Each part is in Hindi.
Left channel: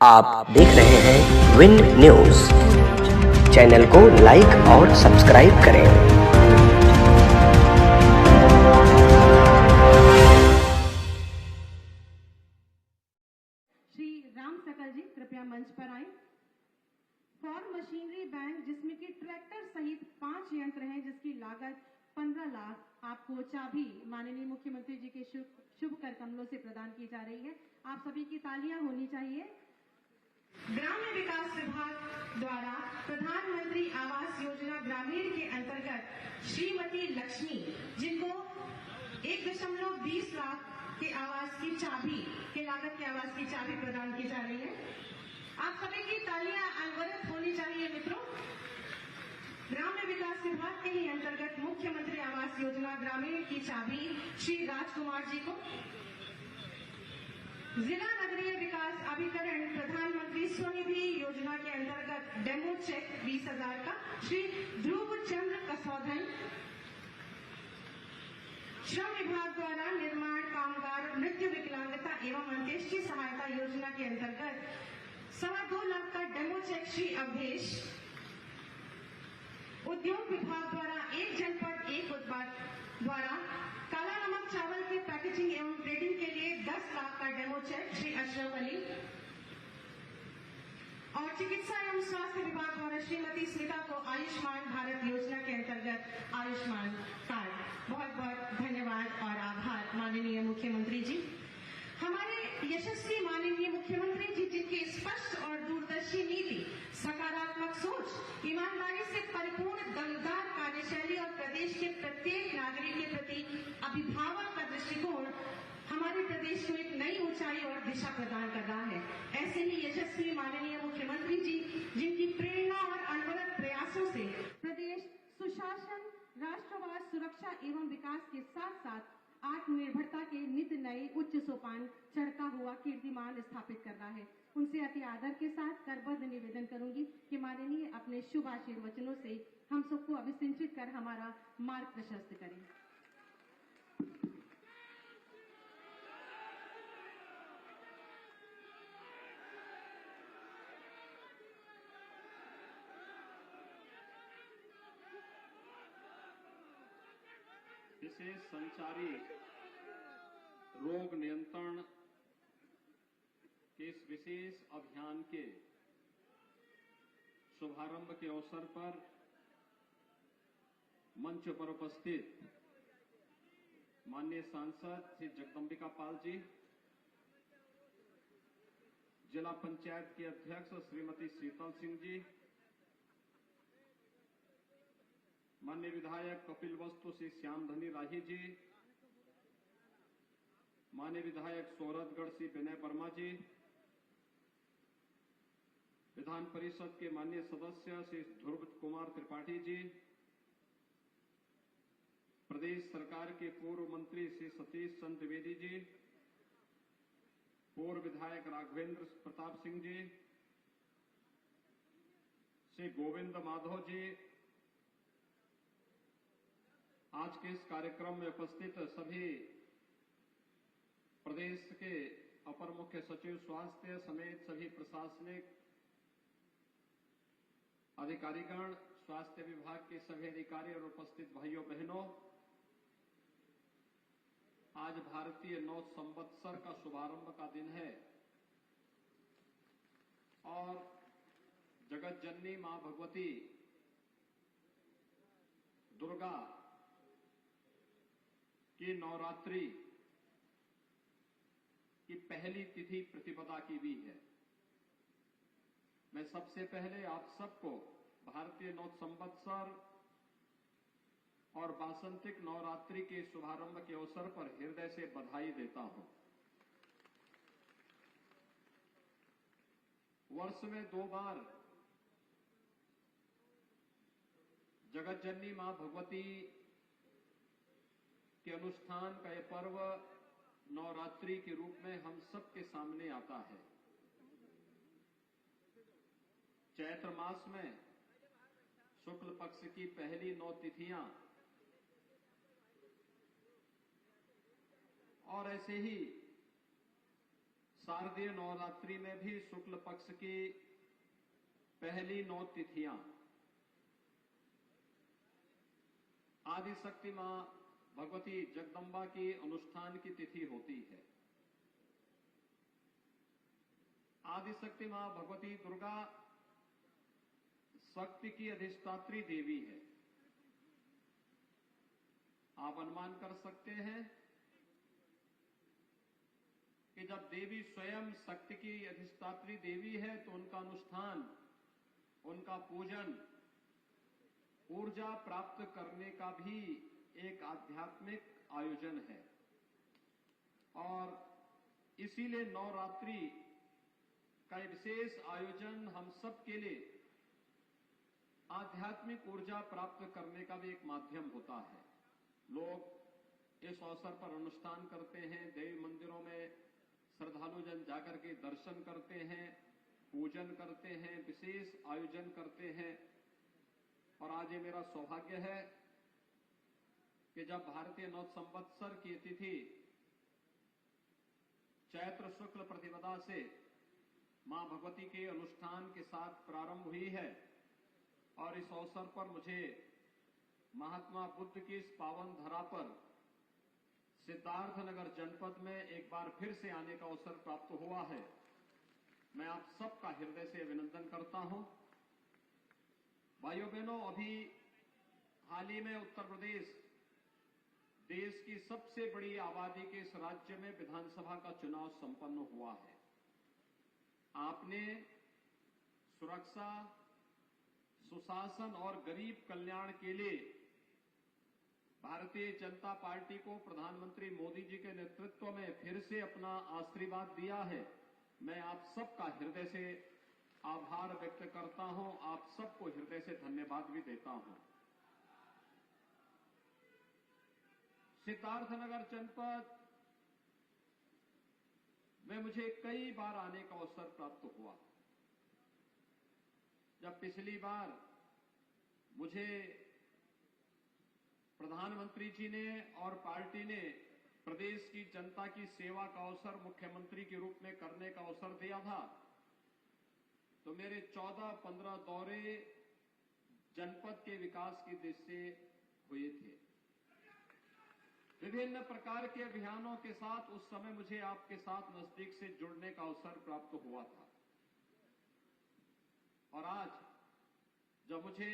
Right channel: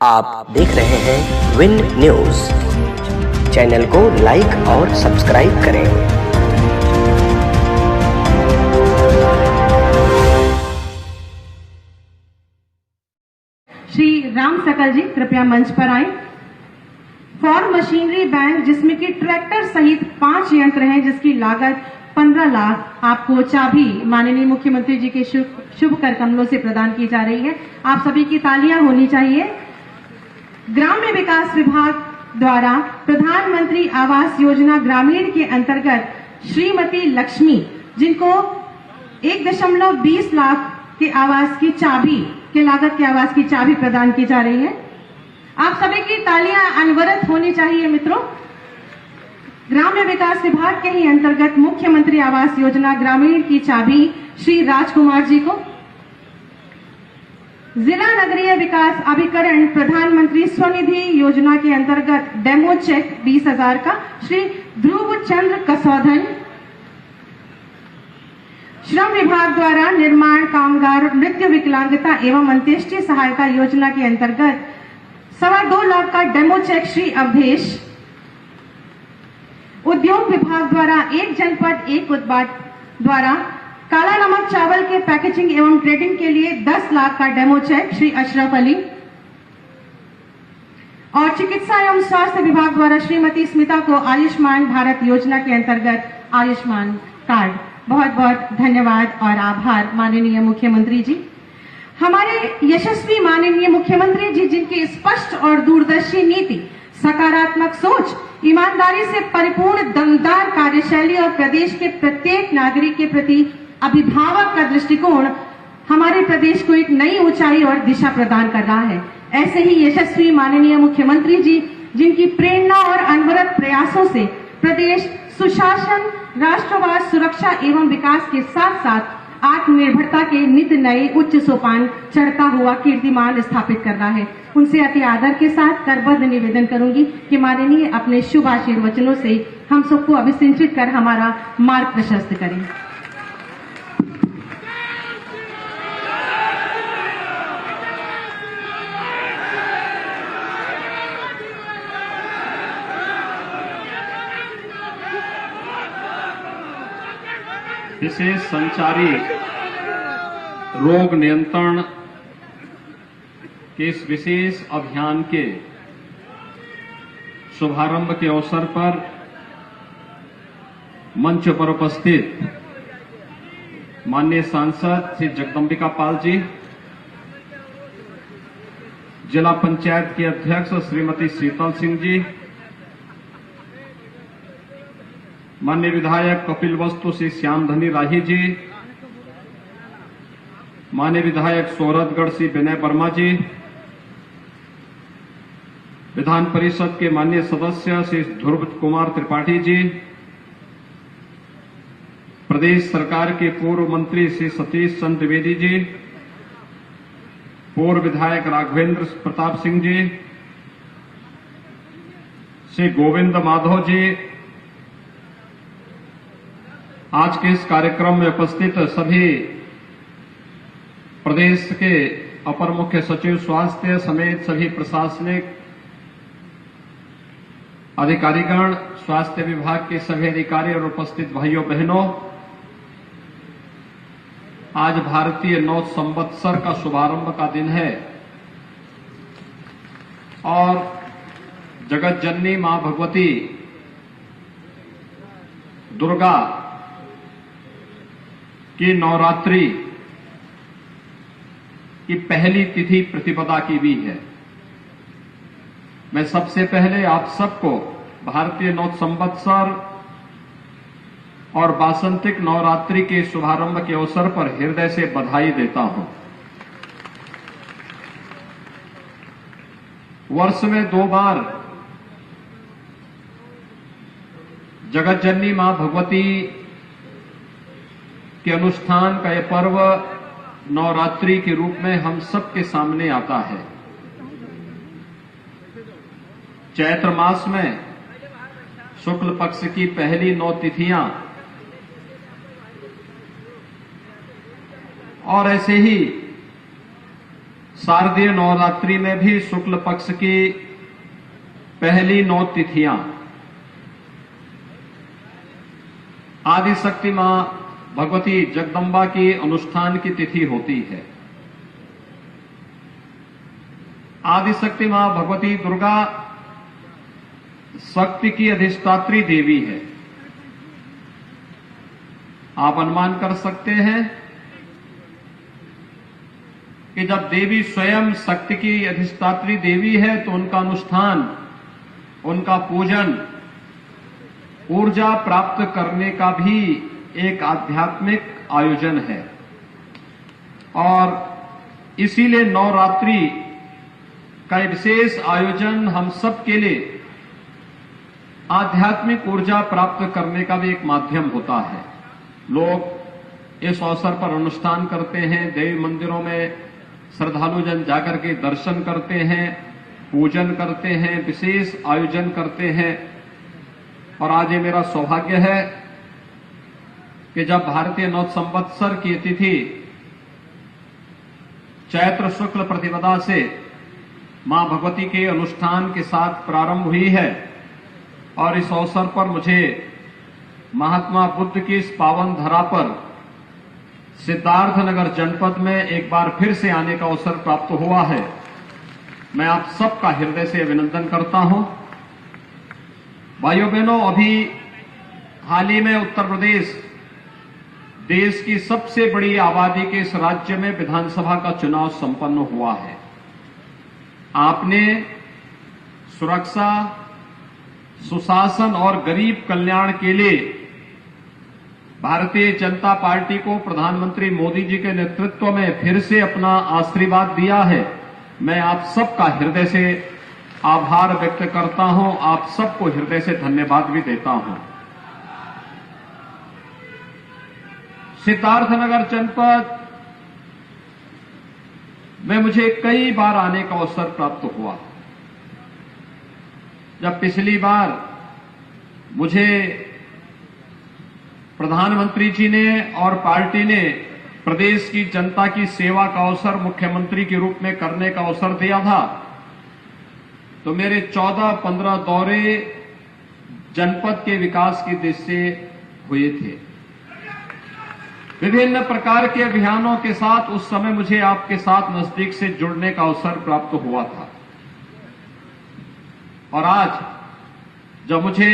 आप देख रहे हैं विन न्यूज। चैनल को लाइक और सब्सक्राइब करें। श्री राम सकल जी कृपया मंच पर आए। फॉर मशीनरी बैंक जिसमें कि ट्रैक्टर सहित 5 यंत्र हैं जिसकी लागत 15 लाख आपको चाबी माननीय मुख्यमंत्री जी के शुभ कर कमलों से प्रदान की जा रही है। आप सभी की तालियां होनी चाहिए। ग्राम्य विकास विभाग द्वारा प्रधानमंत्री आवास योजना ग्रामीण के अंतर्गत श्रीमती लक्ष्मी जिनको 1.20 लाख के आवास की चाबी के लागत के आवास की चाबी प्रदान की जा रही है। आप सभी की तालियां अनवरत होनी चाहिए मित्रों। ग्राम्य विकास विभाग के ही अंतर्गत मुख्यमंत्री आवास योजना ग्रामीण की चाबी श्री राजकुमार जी को, जिला नगरीय विकास अभिकरण प्रधानमंत्री स्वनिधि योजना के अंतर्गत डेमो चेक 20,000 का श्री ध्रुव चंद्र कसौधन, श्रम विभाग द्वारा निर्माण कामगार मृत्यु विकलांगता एवं अंत्येष्टि सहायता योजना के अंतर्गत 2.25 लाख का डेमो चेक श्री अवधेश, उद्योग विभाग द्वारा एक जनपद एक उत्पाद द्वारा काला नमक चावल के पैकेजिंग एवं ट्रेडिंग के लिए 10 लाख का डेमो चेक श्री अशरफ अली, और चिकित्सा एवं स्वास्थ्य विभाग द्वारा श्रीमती स्मिता को आयुष्मान भारत योजना के अंतर्गत आयुष्मान कार्ड। बहुत बहुत धन्यवाद और आभार माननीय मुख्यमंत्री जी। हमारे यशस्वी माननीय मुख्यमंत्री जी जिनकी स्पष्ट और दूरदर्शी नीति, सकारात्मक सोच, ईमानदारी से परिपूर्ण दमदार कार्यशैली और प्रदेश के प्रत्येक नागरिक के प्रति अभिभावक का दृष्टिकोण हमारे प्रदेश को एक नई ऊंचाई और दिशा प्रदान कर रहा है। ऐसे ही यशस्वी माननीय मुख्यमंत्री जी जिनकी प्रेरणा और अनवरत प्रयासों से प्रदेश सुशासन, राष्ट्रवाद, सुरक्षा एवं विकास के साथ साथ आत्मनिर्भरता के नित नए उच्च सोपान चढ़ता हुआ कीर्तिमान स्थापित कर रहा है। उनसे अति आदर के साथ करबद्ध निवेदन करूंगी कि माननीय अपने शुभ आशीर्वचनों से हम सबको अभिसिंचित कर हमारा मार्ग प्रशस्त करें। विशेष संचारी रोग नियंत्रण के इस विशेष अभियान के शुभारंभ के अवसर पर मंच पर उपस्थित माननीय सांसद श्री जगदंबिका पाल जी, जिला पंचायत के अध्यक्ष श्रीमती शीतल सिंह जी, माननीय विधायक कपिल वस्तु श्री श्यामधनी राही जी, माननीय विधायक सोहरतगढ़ श्री विनय वर्मा जी, विधान परिषद के माननीय सदस्य श्री ध्रुव कुमार त्रिपाठी जी, प्रदेश सरकार के पूर्व मंत्री श्री सतीश चंद्र द्विवेदी जी, पूर्व विधायक राघवेंद्र प्रताप सिंह जी, श्री गोविंद माधव जी, आज के इस कार्यक्रम में उपस्थित सभी प्रदेश के अपर मुख्य सचिव स्वास्थ्य समेत सभी प्रशासनिक अधिकारीगण, स्वास्थ्य विभाग के सभी अधिकारी और उपस्थित भाइयों बहनों, आज भारतीय नव संवत्सर का शुभारंभ का दिन है और जगत जननी मां भगवती दुर्गा की नवरात्रि की पहली तिथि प्रतिपदा की भी है। मैं सबसे पहले आप सबको भारतीय नव संवत्सर और वासंतिक नवरात्रि के शुभारंभ के अवसर पर हृदय से बधाई देता हूं। वर्ष में 2 बार जगत जननी मां भगवती के अनुष्ठान का यह पर्व नवरात्रि के रूप में हम सबके सामने आता है। चैत्र मास में शुक्ल पक्ष की पहली 9 तिथियां और ऐसे ही शारदीय नवरात्रि में भी शुक्ल पक्ष की पहली 9 तिथियां आदि शक्ति मां भगवती जगदम्बा की अनुष्ठान की तिथि होती है। आदि शक्ति मां भगवती दुर्गा शक्ति की अधिष्ठात्री देवी है। आप अनुमान कर सकते हैं कि जब देवी स्वयं शक्ति की अधिष्ठात्री देवी है तो उनका अनुष्ठान, उनका पूजन ऊर्जा प्राप्त करने का भी एक आध्यात्मिक आयोजन है और इसीलिए नवरात्रि का विशेष आयोजन हम सब के लिए आध्यात्मिक ऊर्जा प्राप्त करने का भी एक माध्यम होता है। लोग इस अवसर पर अनुष्ठान करते हैं, देवी मंदिरों में श्रद्धालु जन जाकर के दर्शन करते हैं, पूजन करते हैं, विशेष आयोजन करते हैं। और आज ये मेरा सौभाग्य है कि जब भारतीय नव संवत्सर की तिथि चैत्र शुक्ल प्रतिपदा से मां भगवती के अनुष्ठान के साथ प्रारंभ हुई है और इस अवसर पर मुझे महात्मा बुद्ध की इस पावन धरा पर सिद्धार्थनगर जनपद में एक बार फिर से आने का अवसर प्राप्त हुआ है। मैं आप सबका हृदय से अभिनंदन करता हूं। भाइयों बहनों, अभी हाल ही में उत्तर प्रदेश देश की सबसे बड़ी आबादी के इस राज्य में विधानसभा का चुनाव संपन्न हुआ है। आपने सुरक्षा, सुशासन और गरीब कल्याण के लिए भारतीय जनता पार्टी को प्रधानमंत्री मोदी जी के नेतृत्व में फिर से अपना आशीर्वाद दिया है। मैं आप सबका हृदय से आभार व्यक्त करता हूं, आप सबको हृदय से धन्यवाद भी देता हूं। सिद्धार्थनगर जनपद में मुझे कई बार आने का अवसर प्राप्त हुआ। जब पिछली बार मुझे प्रधानमंत्री जी ने और पार्टी ने प्रदेश की जनता की सेवा का अवसर मुख्यमंत्री के रूप में करने का अवसर दिया था, तो मेरे 14-15 दौरे जनपद के विकास की दृष्टि से हुए थे। विभिन्न प्रकार के अभियानों के साथ उस समय मुझे आपके साथ नजदीक से जुड़ने का अवसर प्राप्त हुआ था। और आज जब मुझे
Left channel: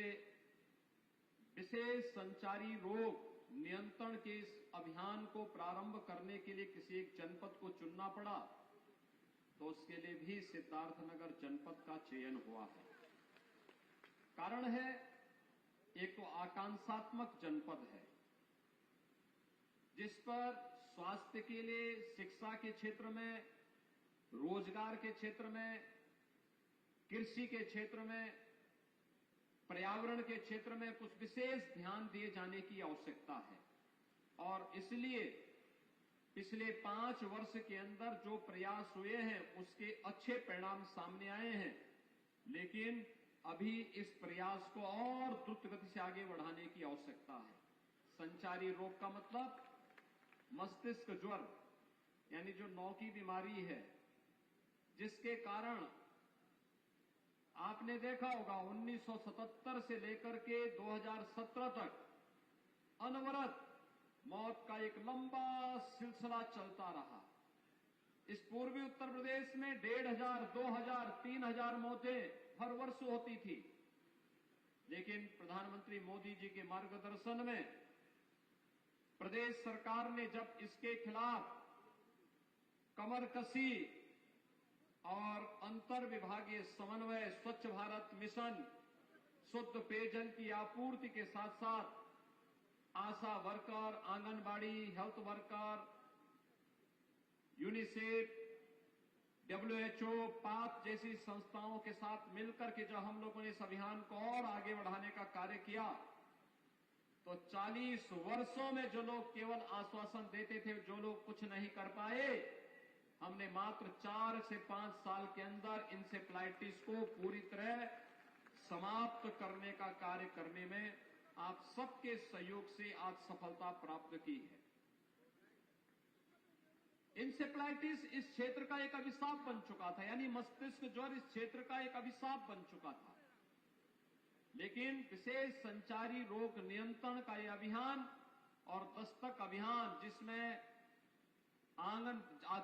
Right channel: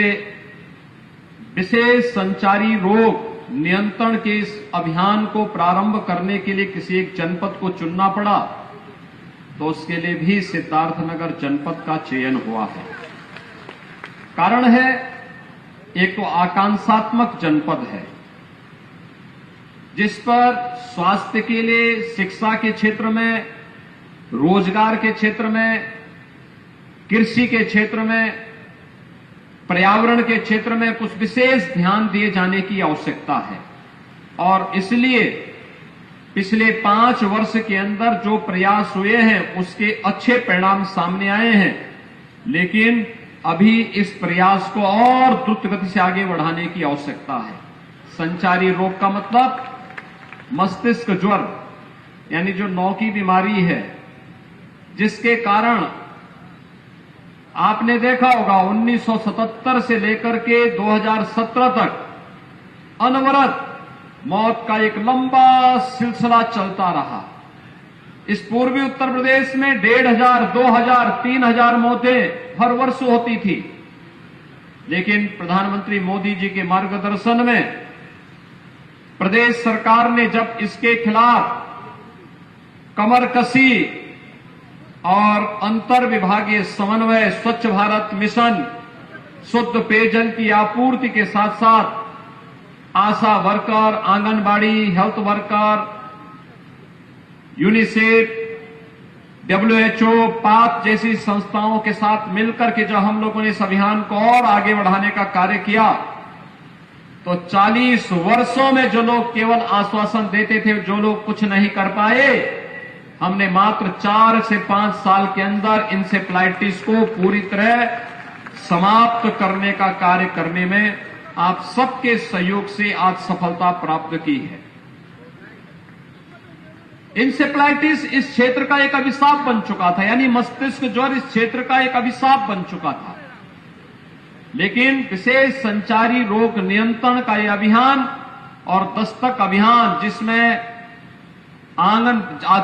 विशेष संचारी रोग नियंत्रण के इस अभियान को प्रारंभ करने के लिए किसी एक जनपद को चुनना पड़ा, तो उसके लिए भी सिद्धार्थनगर जनपद का चयन हुआ है। कारण है, एक तो आकांक्षात्मक जनपद है जिस पर स्वास्थ्य के लिए, शिक्षा के क्षेत्र में, रोजगार के क्षेत्र में, कृषि के क्षेत्र में, पर्यावरण के क्षेत्र में कुछ विशेष ध्यान दिए जाने की आवश्यकता है। और इसलिए पिछले 5 वर्ष के अंदर जो प्रयास हुए हैं उसके अच्छे परिणाम सामने आए हैं, लेकिन अभी इस प्रयास को और द्रुत गति से आगे बढ़ाने की आवश्यकता है। संचारी रोग का मतलब मस्तिष्क ज्वर, यानी जो नौ की बीमारी है, जिसके कारण आपने देखा होगा 1977 से लेकर के 2017 तक अनवरत मौत का एक लंबा सिलसिला चलता रहा। इस पूर्वी उत्तर प्रदेश में 1,500, 2,000, 3,000 मौतें हर वर्ष होती थी, लेकिन प्रधानमंत्री मोदी जी के मार्गदर्शन में प्रदेश सरकार ने जब इसके खिलाफ कमर कसी और अंतर विभागीय समन्वय, स्वच्छ भारत मिशन, शुद्ध पेयजल की आपूर्ति के साथ साथ ASHA worker, anganwadi, health worker, UNICEF, WHO, पाक जैसी संस्थाओं के साथ मिलकर के जब हम लोगों ने इस अभियान को और आगे बढ़ाने का कार्य किया, तो 40 वर्षों में जो लोग केवल आश्वासन देते थे, जो लोग कुछ नहीं कर पाए, हमने मात्र 4 से 5 साल के अंदर इंसेफ्लाइटिस को पूरी तरह समाप्त करने का कार्य करने में आप सबके सहयोग से आज सफलता प्राप्त की है। इंसेफ्लाइटिस इस क्षेत्र का एक अभिशाप बन चुका था, यानी मस्तिष्क ज्वर इस क्षेत्र का एक अभिशाप बन चुका था। लेकिन विशेष संचारी रोग नियंत्रण का यह अभियान और दस्तक अभियान,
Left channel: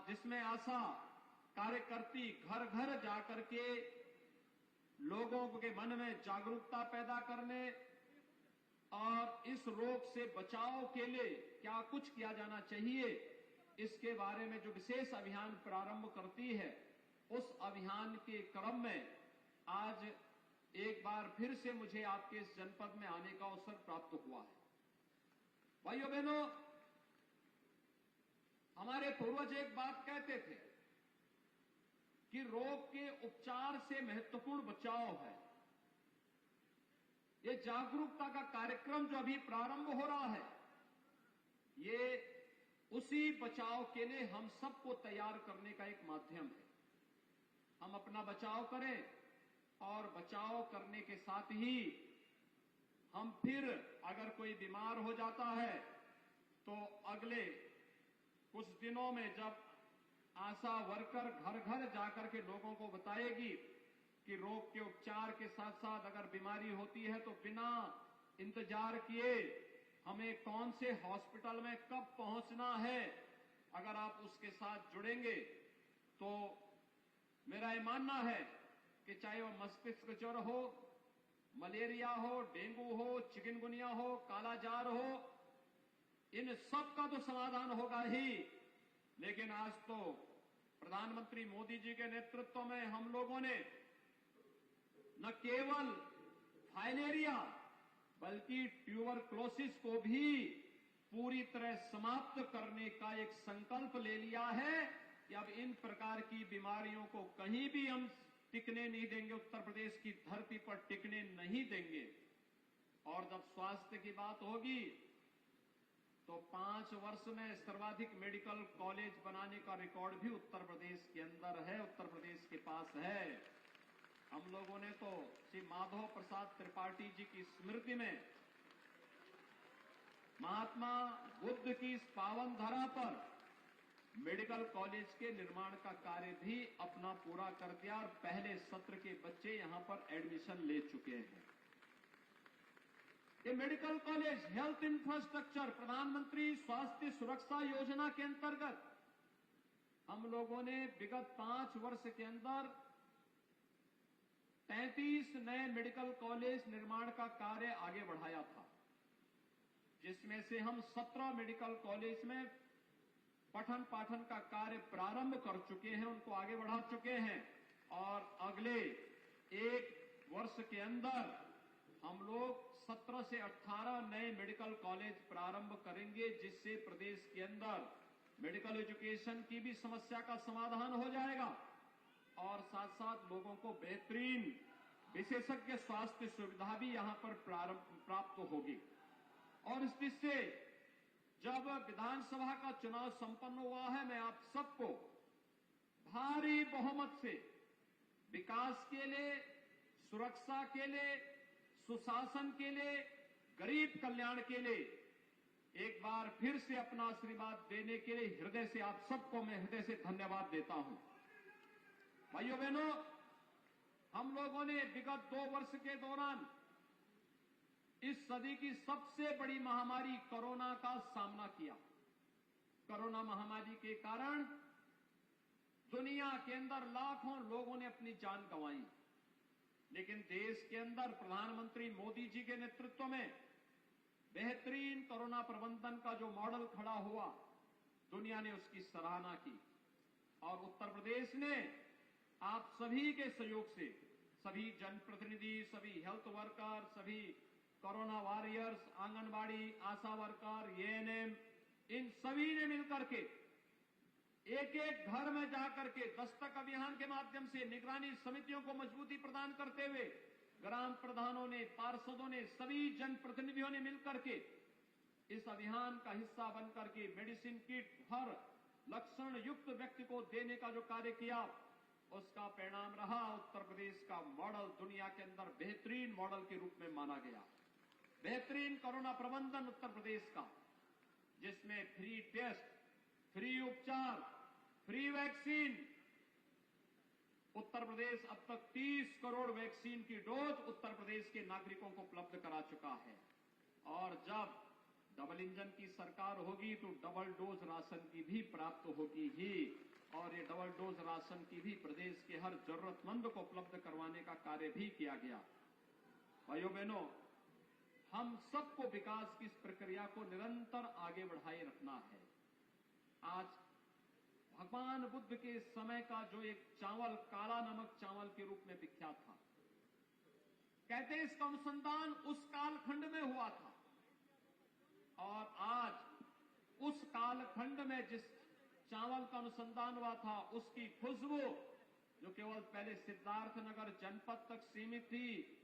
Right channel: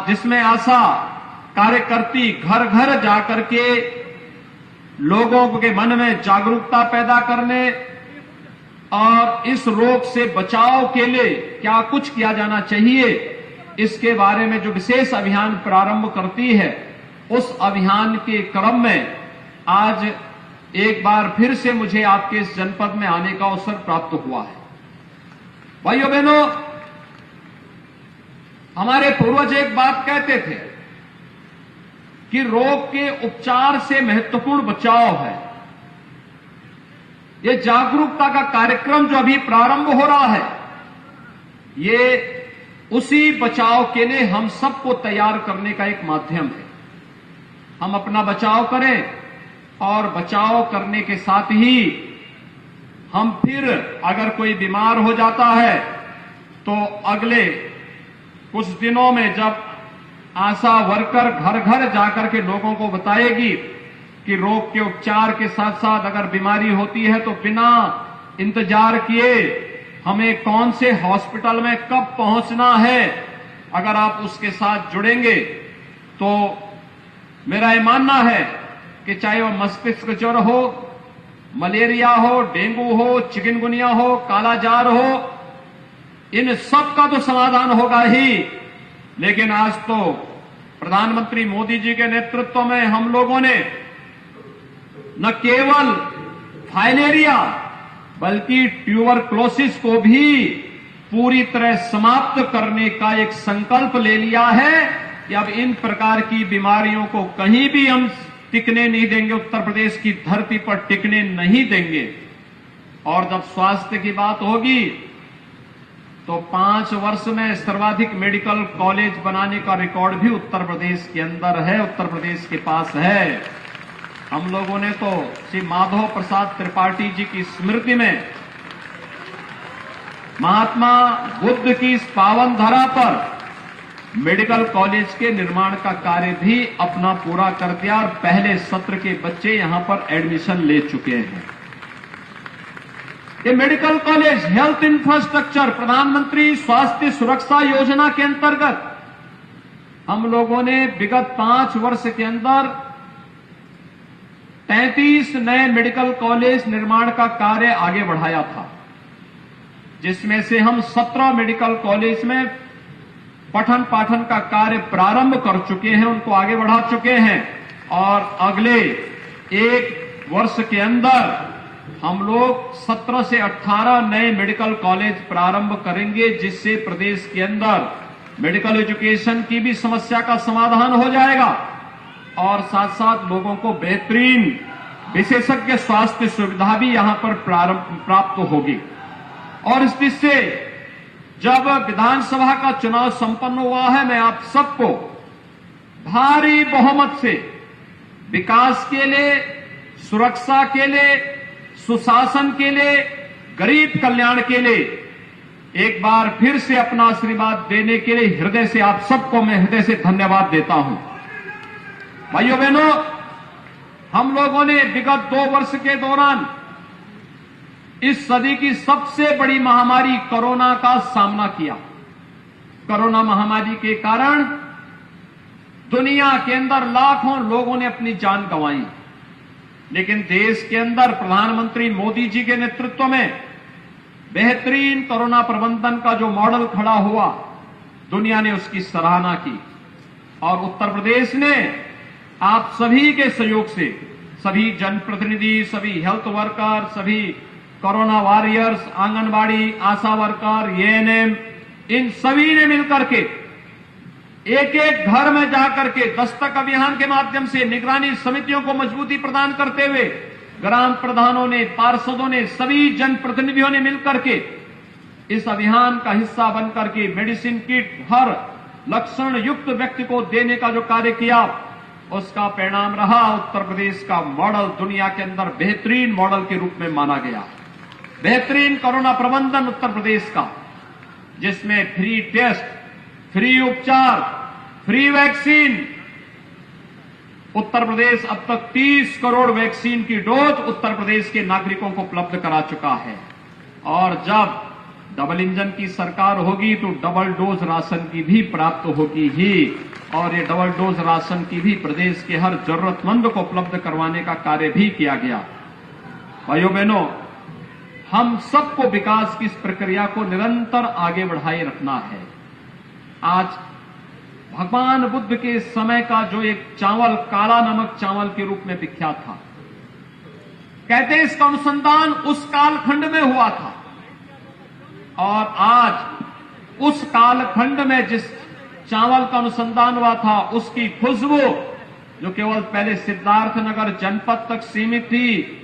जिसमें आशा कार्यकर्ती घर घर जाकर के लोगों के मन में जागरूकता पैदा करने और इस रोग से बचाव के लिए क्या कुछ किया जाना चाहिए, इसके बारे में जो विशेष अभियान प्रारंभ करती है, उस अभियान के क्रम में आज एक बार फिर से मुझे आपके इस जनपद में आने का अवसर प्राप्त हुआ है। भाइयों बहनों, हमारे पूर्वज एक बात कहते थे कि रोग के उपचार से महत्वपूर्ण बचाव है। ये जागरूकता का कार्यक्रम जो अभी प्रारंभ हो रहा है, ये उसी बचाव के लिए हम सबको तैयार करने का एक माध्यम है। हम अपना बचाव करें और बचाव करने के साथ ही हम फिर अगर कोई बीमार हो जाता है तो अगले कुछ दिनों में जब आशा वर्कर घर घर जाकर के लोगों को बताएगी कि रोग के उपचार के साथ साथ अगर बीमारी होती है तो बिना इंतजार किए हमें कौन से हॉस्पिटल में कब पहुंचना है, अगर आप उसके साथ जुड़ेंगे तो मेरा ये मानना है कि चाहे वो मस्तिष्क ज्वर हो, मलेरिया हो, डेंगू हो, चिकनगुनिया हो, कालाजार हो, इन सब का तो समाधान होगा ही। लेकिन आज तो प्रधानमंत्री मोदी जी के नेतृत्व में हम लोगों ने न केवल फाइलेरिया बल्कि ट्यूबरक्लोसिस को भी पूरी तरह समाप्त करने का एक संकल्प ले लिया है कि अब इन प्रकार की बीमारियों को कहीं भी हम टिकने नहीं देंगे, उत्तर प्रदेश की धरती पर टिकने नहीं देंगे। और जब स्वास्थ्य की बात होगी तो 5 वर्ष में सर्वाधिक मेडिकल कॉलेज बनाने का रिकॉर्ड भी उत्तर प्रदेश के अंदर है, उत्तर प्रदेश के पास है। हम लोगों ने तो श्री माधव प्रसाद त्रिपाठी जी की स्मृति में महात्मा बुद्ध की इस पावन धरा पर मेडिकल कॉलेज के निर्माण का कार्य भी अपना पूरा कर दिया और पहले सत्र के बच्चे यहां पर एडमिशन ले चुके हैं। ये मेडिकल कॉलेज हेल्थ इंफ्रास्ट्रक्चर प्रधानमंत्री स्वास्थ्य सुरक्षा योजना के अंतर्गत हम लोगों ने विगत 5 वर्ष के अंदर 33 नए मेडिकल कॉलेज निर्माण का कार्य आगे बढ़ाया था, जिसमें से हम 17 मेडिकल कॉलेज में पठन पाठन का कार्य प्रारंभ कर चुके हैं, उनको आगे बढ़ा चुके हैं और अगले 1 वर्ष के अंदर हम लोग 17 से 18 नए मेडिकल कॉलेज प्रारंभ करेंगे, जिससे प्रदेश के अंदर मेडिकल एजुकेशन की भी समस्या का समाधान हो जाएगा और साथ साथ लोगों को बेहतरीन विशेषज्ञ स्वास्थ्य सुविधा भी यहां पर प्राप्त होगी। और इस दृष्टि से जब विधानसभा का चुनाव संपन्न हुआ है, मैं आप सबको भारी बहुमत से विकास के लिए, सुरक्षा के लिए, सुशासन के लिए, गरीब कल्याण के लिए एक बार फिर से अपना आशीर्वाद देने के लिए हृदय से आप सबको मैं हृदय से धन्यवाद देता हूं। भाइयों बहनों, हम लोगों ने विगत 2 वर्ष के दौरान इस सदी की सबसे बड़ी महामारी कोरोना का सामना किया। कोरोना महामारी के कारण दुनिया के अंदर लाखों लोगों ने अपनी जान गंवाई, लेकिन देश के अंदर प्रधानमंत्री मोदी जी के नेतृत्व में बेहतरीन कोरोना प्रबंधन का जो मॉडल खड़ा हुआ, दुनिया ने उसकी सराहना की और उत्तर प्रदेश ने आप सभी के सहयोग से, सभी जनप्रतिनिधि, सभी हेल्थ वर्कर, सभी कोरोना वॉरियर्स, आंगनबाड़ी, आशा वर्कर, एएनएम, इन सभी ने मिलकर के एक एक घर में जाकर के दस्तक अभियान के माध्यम से निगरानी समितियों को मजबूती प्रदान करते हुए ग्राम प्रधानों ने, पार्षदों ने, सभी जनप्रतिनिधियों ने मिलकर के इस अभियान का हिस्सा बनकर के मेडिसिन किट हर लक्षण युक्त व्यक्ति को देने का जो कार्य किया, उसका परिणाम रहा उत्तर प्रदेश का मॉडल दुनिया के अंदर बेहतरीन मॉडल के रूप में माना गया। बेहतरीन कोरोना प्रबंधन उत्तर प्रदेश का, जिसमें फ्री टेस्ट, फ्री उपचार, फ्री वैक्सीन, उत्तर प्रदेश अब तक 30 करोड़ वैक्सीन की डोज उत्तर प्रदेश के नागरिकों को उपलब्ध करा चुका है। और जब डबल इंजन की सरकार होगी तो डबल डोज राशन की भी प्राप्त होगी ही, और ये डबल डोज राशन की भी प्रदेश के हर जरूरतमंद को उपलब्ध करवाने का कार्य भी किया गया। भाइयों बहनों, हम सबको विकास की इस प्रक्रिया को निरंतर आगे बढ़ाए रखना है। आज भगवान बुद्ध के समय का जो एक चावल काला नमक चावल के रूप में विख्यात था, कहते हैं इसका अनुसंधान उस कालखंड में हुआ था, और आज उस कालखंड में जिस चावल का अनुसंधान हुआ था उसकी खुशबू जो केवल पहले सिद्धार्थनगर जनपद तक सीमित थी,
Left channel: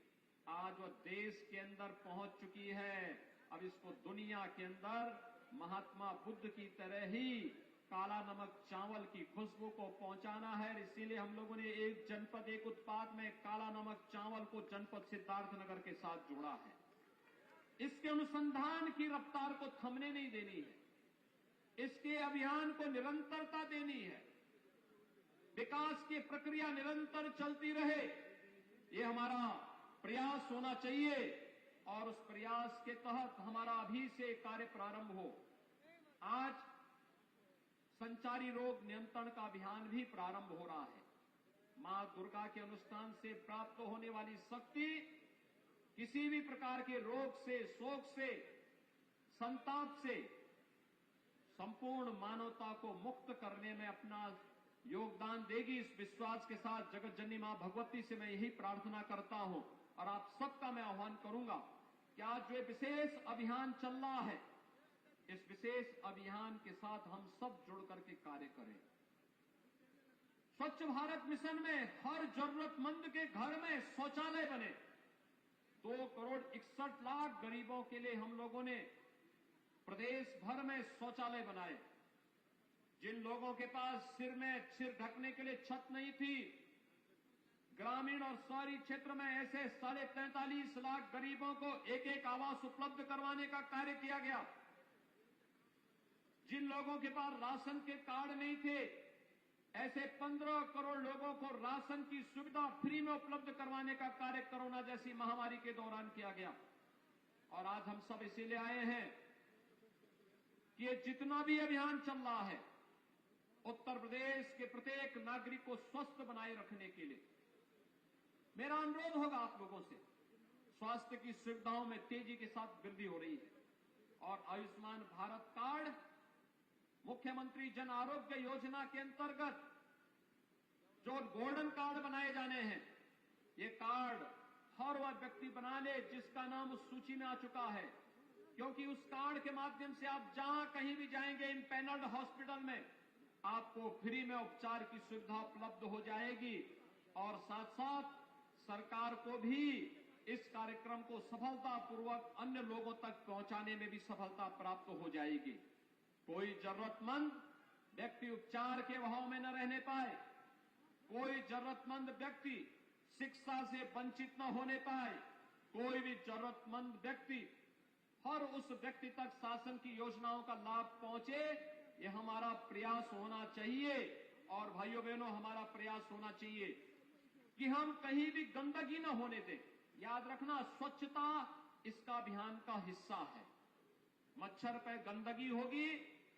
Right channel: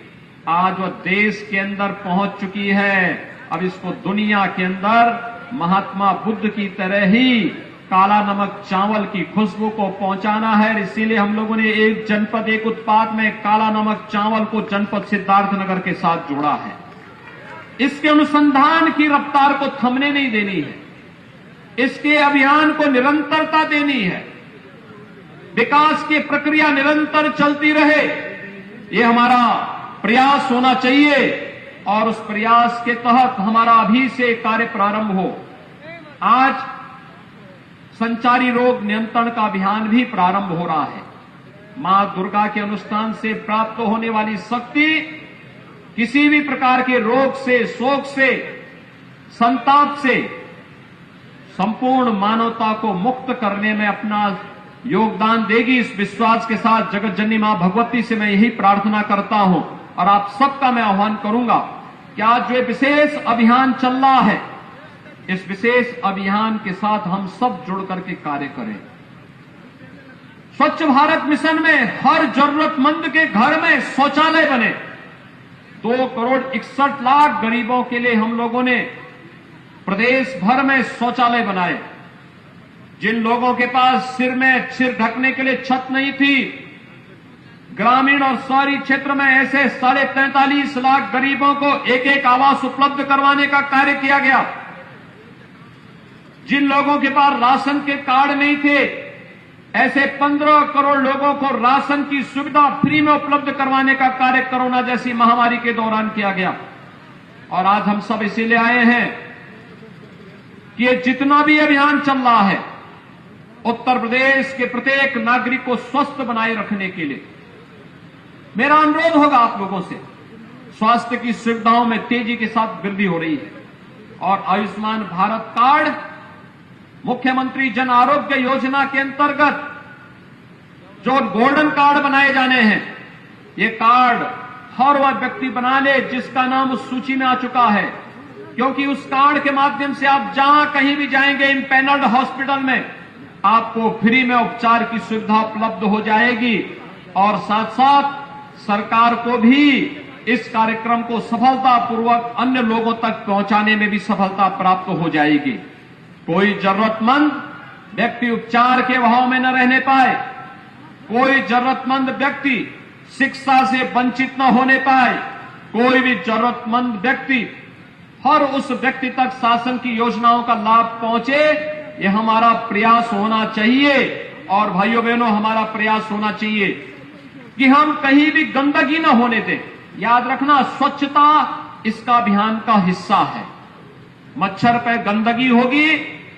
आज वह देश के अंदर पहुंच चुकी है। अब इसको दुनिया के अंदर महात्मा बुद्ध की तरह ही काला नमक चावल की खुशबू को पहुंचाना है। इसीलिए हम लोगों ने एक जनपद एक उत्पाद में काला नमक चावल को जनपद सिद्धार्थनगर के साथ जोड़ा है। इसके अनुसंधान की रफ्तार को थमने नहीं देनी है, इसके अभियान को निरंतरता देनी है, विकास की प्रक्रिया निरंतर चलती रहे, ये हमारा प्रयास होना चाहिए। और उस प्रयास के तहत हमारा अभी से कार्य प्रारंभ हो। आज संचारी रोग नियंत्रण का अभियान भी प्रारंभ हो रहा है। मां दुर्गा के अनुष्ठान से प्राप्त होने वाली शक्ति किसी भी प्रकार के रोग से, शोक से, संताप से संपूर्ण मानवता को मुक्त करने में अपना योगदान देगी। इस विश्वास के साथ जगत जननी मां भगवती से मैं यही प्रार्थना करता हूं, और आप सबका मैं आह्वान करूंगा कि आज जो विशेष अभियान चल रहा है, इस विशेष अभियान के साथ हम सब जुड़ करके कार्य करें। स्वच्छ भारत मिशन में हर जरूरतमंद के घर में शौचालय बने। 2,61,00,000 गरीबों के लिए हम लोगों ने प्रदेश भर में शौचालय बनाए। जिन लोगों के पास सिर ढकने के लिए छत नहीं थी, ग्रामीण और शहरी क्षेत्र में ऐसे 43.5 लाख गरीबों को एक एक आवास उपलब्ध करवाने का कार्य किया गया। जिन लोगों के पास राशन के कार्ड नहीं थे, ऐसे 15 करोड़ लोगों को राशन की सुविधा फ्री में उपलब्ध करवाने का कार्य कोरोना जैसी महामारी के दौरान किया गया। और आज हम सब इसीलिए आए हैं कि ये जितना भी अभियान चल रहा है, उत्तर प्रदेश के प्रत्येक नागरिक को स्वस्थ बनाए रखने के लिए मेरा अनुरोध होगा आप लोगों से। स्वास्थ्य की सुविधाओं में तेजी के साथ वृद्धि हो रही है, और आयुष्मान भारत कार्ड, मुख्यमंत्री जन आरोग्य योजना के अंतर्गत जो गोल्डन कार्ड बनाए जाने हैं, ये कार्ड हर वह व्यक्ति बना ले जिसका नाम उस सूची में आ चुका है, क्योंकि उस कार्ड के माध्यम से आप जहां कहीं भी जाएंगे इम्पैनल्ड हॉस्पिटल में, आपको फ्री में उपचार की सुविधा उपलब्ध हो जाएगी। और साथ साथ सरकार को भी इस कार्यक्रम को सफलतापूर्वक अन्य लोगों तक पहुंचाने में भी सफलता प्राप्त हो जाएगी। कोई जरूरतमंद व्यक्ति उपचार के अभाव में न रहने पाए, कोई जरूरतमंद व्यक्ति शिक्षा से वंचित न होने पाए, कोई भी जरूरतमंद व्यक्ति हर उस व्यक्ति तक शासन की योजनाओं का लाभ पहुंचे, ये हमारा प्रयास होना चाहिए। और भाइयों बहनों, हमारा प्रयास होना चाहिए कि हम कहीं भी गंदगी न होने दें। याद रखना, स्वच्छता इसका अभियान का हिस्सा है। मच्छर पे गंदगी होगी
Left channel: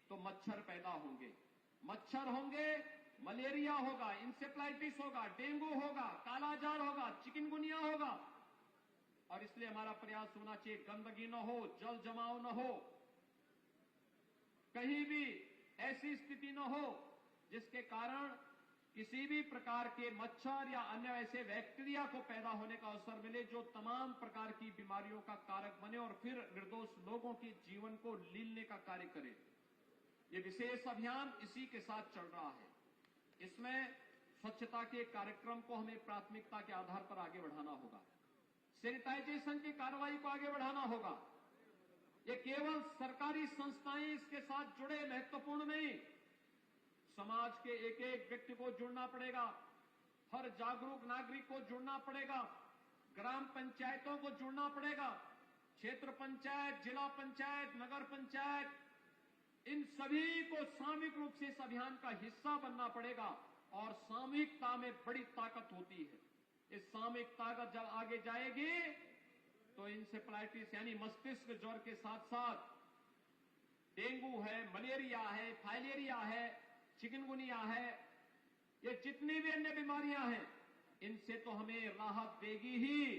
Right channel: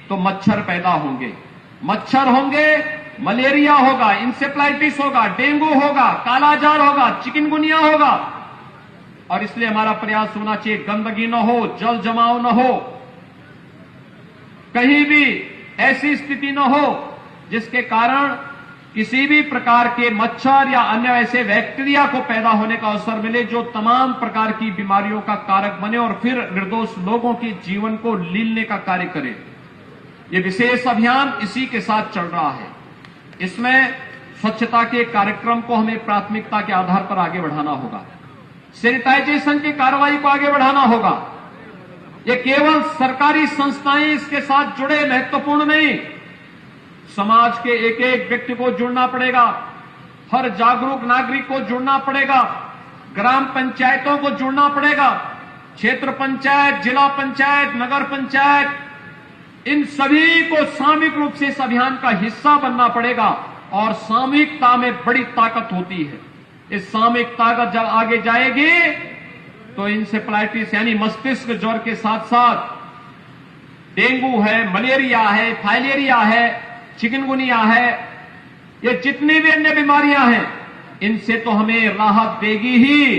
तो मच्छर पैदा होंगे, मच्छर होंगे, मलेरिया होगा, इंसेफ्लाइटिस होगा, डेंगू होगा, कालाजार होगा, चिकनगुनिया होगा। और इसलिए हमारा प्रयास होना चाहिए गंदगी न हो, जल जमाव न हो, कहीं भी ऐसी स्थिति न हो जिसके कारण किसी भी प्रकार के मच्छर या अन्य ऐसे बैक्टीरिया को पैदा होने का अवसर मिले जो तमाम प्रकार की बीमारियों का कारक बने और फिर निर्दोष लोगों के जीवन को लीलने का कार्य करे। ये विशेष अभियान इसी के साथ चल रहा है। इसमें स्वच्छता के कार्यक्रम को हमें प्राथमिकता के आधार पर आगे बढ़ाना होगा, सैनिटाइजेशन की कार्रवाई को आगे बढ़ाना होगा। ये केवल सरकारी संस्थाएं इसके साथ जुड़े महत्वपूर्ण नहीं, समाज के एक एक व्यक्ति को जुड़ना पड़ेगा, हर जागरूक नागरिक को जुड़ना पड़ेगा, ग्राम पंचायतों को जुड़ना पड़ेगा, क्षेत्र पंचायत, जिला पंचायत, नगर पंचायत, इन सभी को सामूहिक रूप से इस अभियान का हिस्सा बनना पड़ेगा और सामूहिकता में बड़ी ताकत होती है। इस सामूहिक ताकत जब आगे जाएगी तो इंसेफ्लाइटिस यानी मस्तिष्क ज्वर के साथ साथ डेंगू है, मलेरिया है, फाइलेरिया है, चिकनगुनिया है, ये जितनी भी अन्य बीमारियां हैं, इनसे तो हमें राहत देगी ही।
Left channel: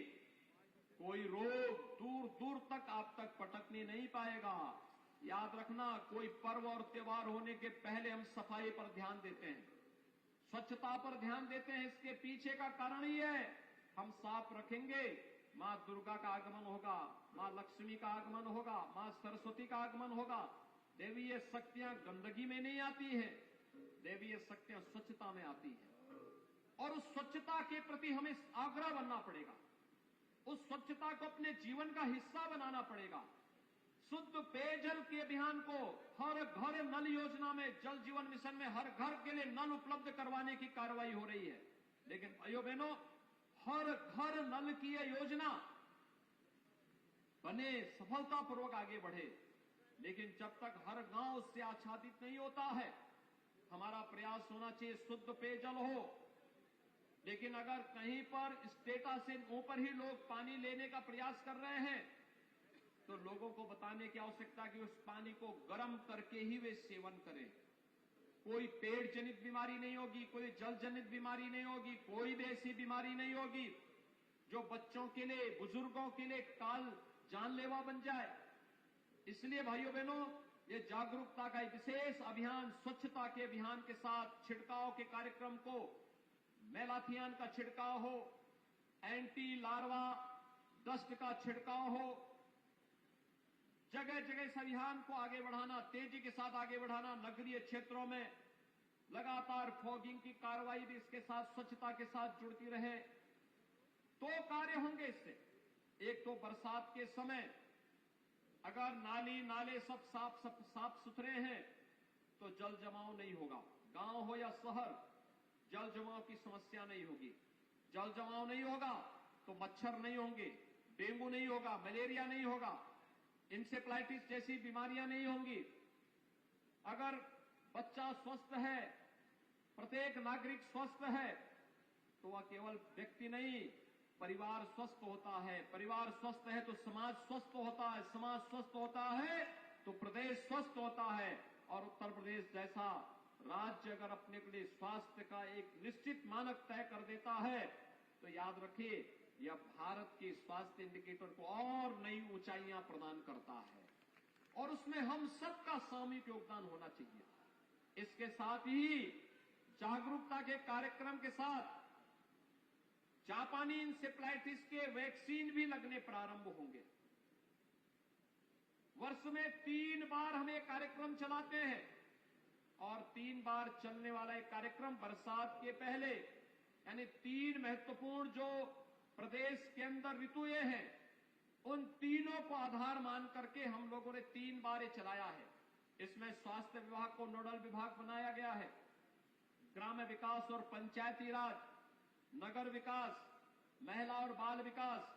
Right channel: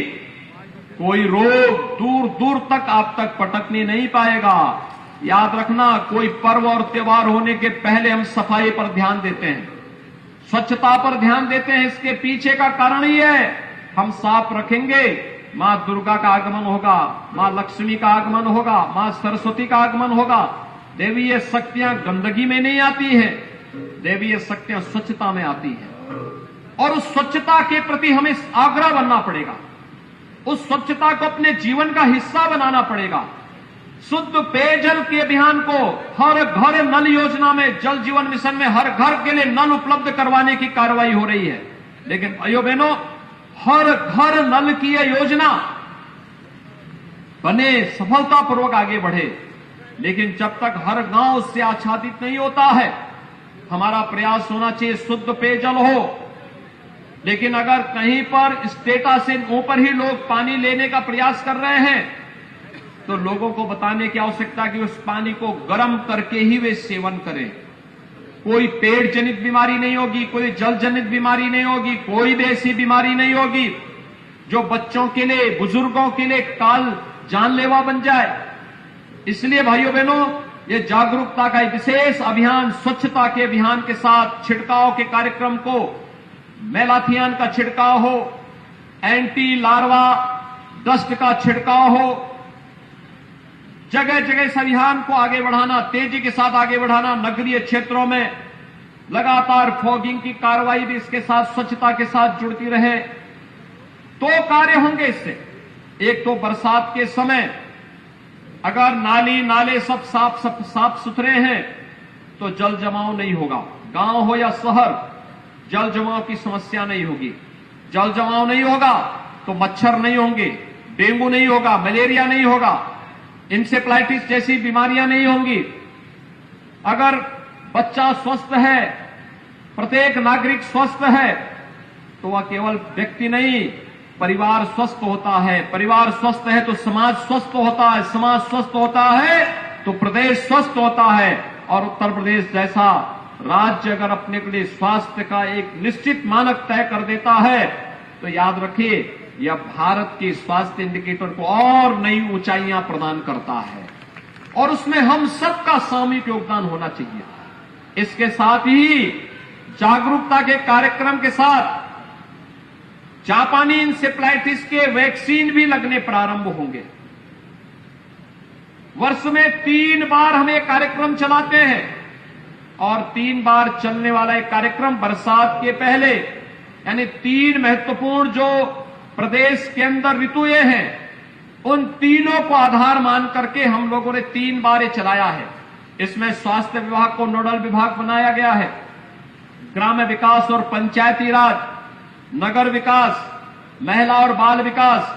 कोई रोग दूर दूर तक आप तक पटकने नहीं पाएगा। याद रखना, कोई पर्व और त्योहार होने के पहले हम सफाई पर ध्यान देते हैं, स्वच्छता पर ध्यान देते हैं। इसके पीछे का कारण ही है, हम साफ रखेंगे, मां दुर्गा का आगमन होगा, मां लक्ष्मी का आगमन होगा, मां सरस्वती का आगमन होगा। देवीय शक्तियां गंदगी में नहीं आती है, देवीय शक्तियां स्वच्छता में आती है। और उस स्वच्छता के प्रति हमें आग्रह बनना पड़ेगा, उस स्वच्छता को अपने जीवन का हिस्सा बनाना पड़ेगा। शुद्ध पेयजल के अभियान को हर घर नल योजना में, जल जीवन मिशन में हर घर के लिए नल उपलब्ध करवाने की कार्रवाई हो रही है। लेकिन भाइयों बहनों, हर घर नल की यह योजना बने, सफलतापूर्वक आगे बढ़े, लेकिन जब तक हर गांव उससे आच्छादित नहीं होता है, हमारा प्रयास होना चाहिए शुद्ध पेयजल हो। लेकिन अगर कहीं पर स्टेटस से ऊपर ही लोग पानी लेने का प्रयास कर रहे हैं, तो लोगों को बताने की आवश्यकता कि उस पानी को गर्म करके ही वे सेवन करें। कोई पेट जनित बीमारी नहीं होगी, कोई जल जनित बीमारी नहीं होगी, कोई भी ऐसी बीमारी नहीं होगी जो बच्चों के लिए, बुजुर्गों के लिए काल जानलेवा बन जाए। इसलिए भाइयों बहनों, ये जागरूकता का एक विशेष अभियान, स्वच्छता के अभियान के साथ छिड़काव के कार्यक्रम को, मेलाथियन का छिड़काव हो, एंटी लार्वा डस्ट का छिड़काव हो, जगह जगह इस अभियान को आगे बढ़ाना, तेजी के साथ आगे बढ़ाना। नगरीय क्षेत्रों में लगातार फॉगिंग की कार्रवाई भी इसके साथ, स्वच्छता के साथ जुड़ती रहे। तो कार्य होंगे इससे। एक तो बरसात के समय अगर नाली नाले सब साफ सुथरे हैं तो जल जमाव नहीं होगा। गांव हो या शहर, जल जमाव की समस्या नहीं होगी। जल जमाव नहीं होगा तो मच्छर नहीं होंगे, डेंगू नहीं होगा, मलेरिया नहीं होगा, इंसेफ्लाइटिस जैसी बीमारियां नहीं होंगी। अगर बच्चा स्वस्थ है, प्रत्येक नागरिक स्वस्थ है, तो वह केवल व्यक्ति नहीं, परिवार स्वस्थ होता है। परिवार स्वस्थ है तो समाज स्वस्थ होता है, समाज स्वस्थ होता है तो प्रदेश स्वस्थ होता है। और उत्तर प्रदेश जैसा राज्य अगर अपने के लिए स्वास्थ्य का एक निश्चित मानक तय कर देता है, तो याद रखिए, यह भारत के स्वास्थ्य इंडिकेटर को और नई ऊंचाइयां प्रदान करता है। और उसमें हम सबका सामूहिक योगदान होना चाहिए। इसके साथ ही जागरूकता के कार्यक्रम के साथ जापानी इंसेफ्लाइटिस के वैक्सीन भी लगने प्रारंभ होंगे। वर्ष में 3 बार हम एक कार्यक्रम चलाते हैं, और 3 बार चलने वाला एक कार्यक्रम बरसात के पहले, यानी 3 महत्वपूर्ण जो प्रदेश के अंदर ऋतुएं हैं, उन तीनों को आधार मान करके हम लोगों ने 3 बार ये चलाया है। इसमें स्वास्थ्य विभाग को नोडल विभाग बनाया गया है, ग्राम्य विकास और पंचायती राज, नगर विकास, महिला और बाल विकास,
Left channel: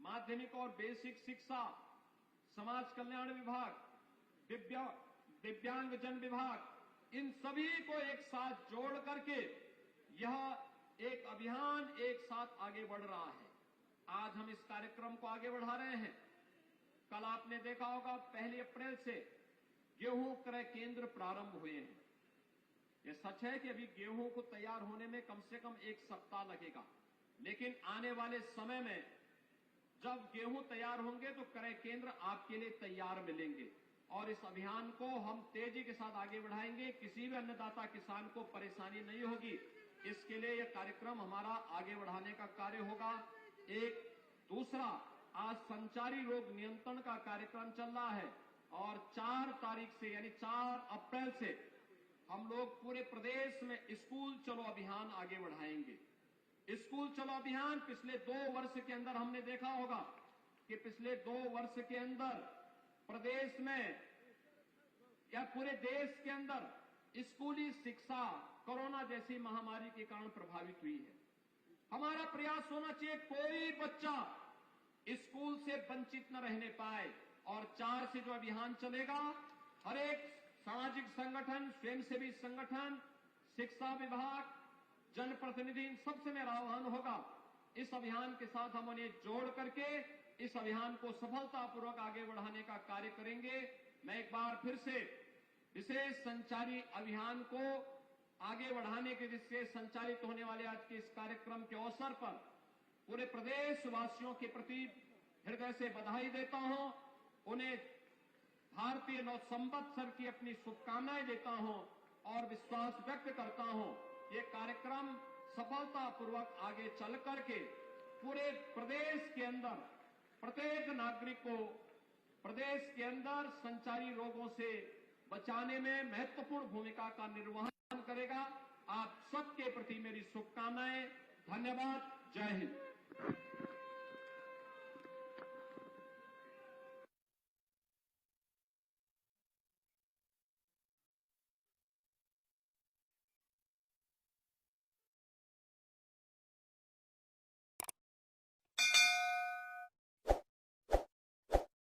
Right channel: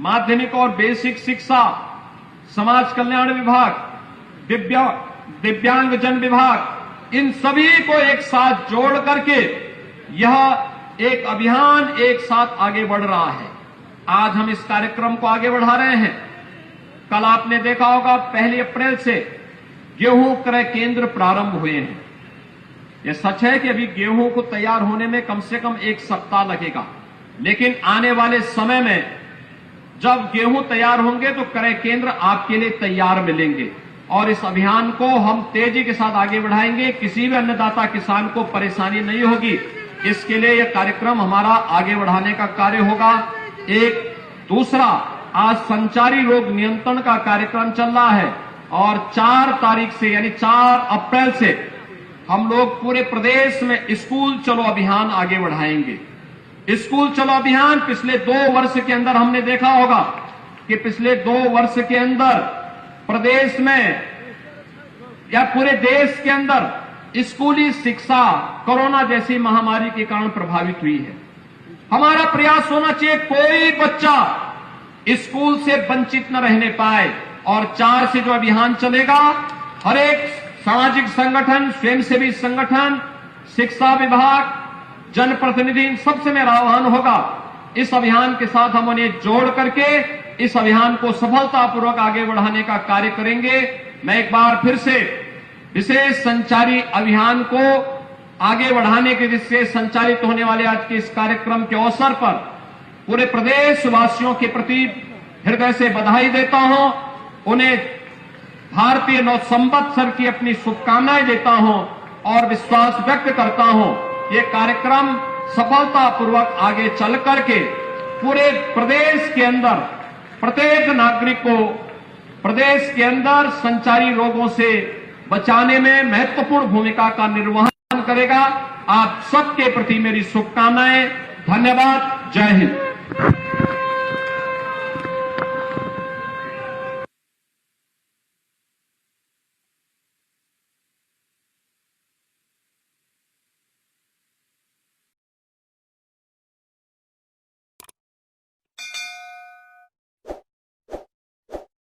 माध्यमिक और बेसिक शिक्षा, समाज कल्याण विभाग, दिव्यांगजन विभाग, इन सभी को एक साथ जोड़ करके यह एक अभियान एक साथ आगे बढ़ रहा है। आज हम इस कार्यक्रम को आगे बढ़ा रहे हैं। कल आपने देखा होगा 1 अप्रैल से गेहूं क्रय केंद्र प्रारंभ हुए हैं। यह सच है कि अभी गेहूं को तैयार होने में कम से कम 1 सप्ताह लगेगा, लेकिन आने वाले समय में जब गेहूं तैयार होंगे तो क्रय केंद्र आपके लिए तैयार मिलेंगे। और इस अभियान को हम तेजी के साथ आगे बढ़ाएंगे। किसी भी अन्नदाता किसान को परेशानी नहीं होगी। इसके लिए यह कार्यक्रम हमारा आगे बढ़ाने का कार्य होगा। एक दूसरा, आज संचारी रोग नियंत्रण का कार्यक्रम चल रहा है, और 4 तारीख से यानी 4 अप्रैल से हम लोग पूरे प्रदेश में स्कूल चलो अभियान आगे बढ़ाएंगे। स्कूल चलो अभियान पिछले 2 वर्ष के अंदर हमने देखा होगा कि पिछले 2 वर्ष के अंदर प्रदेश में या पूरे देश के अंदर स्कूली शिक्षा कोरोना जैसी महामारी के कारण प्रभावित हुई है। हमारा प्रयास होना चाहिए कोई बच्चा स्कूल से वंचित न रहने पाए। और 4 से जो अभियान चलेगा, हर एक सामाजिक संगठन, स्वयंसेवी संगठन, शिक्षा विभाग, जनप्रतिनिधि, इन सबसे मेरा आह्वान होगा, इस अभियान के साथ हम उन्हें जोड़ करके इस अभियान को सफलतापूर्वक आगे बढ़ाने का कार्य करेंगे। मैं एक बार फिर से विशेष संचारी अभियान को आगे बढ़ाने के दृष्टि से संचालित होने वाले आज के इस कार्यक्रम के अवसर पर पूरे प्रदेश वासियों के प्रति हृदय से बधाई देता हूं। उन्हें भारतीय नव संवत्सर की अपनी शुभकामनाएं देता हूं और विश्वास व्यक्त करता हूं ये कार्यक्रम सफलतापूर्वक आगे चल करके पूरे प्रदेश के अंदर प्रत्येक नागरिक को प्रदेश के अंदर संचारी रोगों से बचाने में महत्वपूर्ण भूमिका का निर्वहन करेगा। आप सबके प्रति मेरी शुभकामनाएं। धन्यवाद। जय हिंद।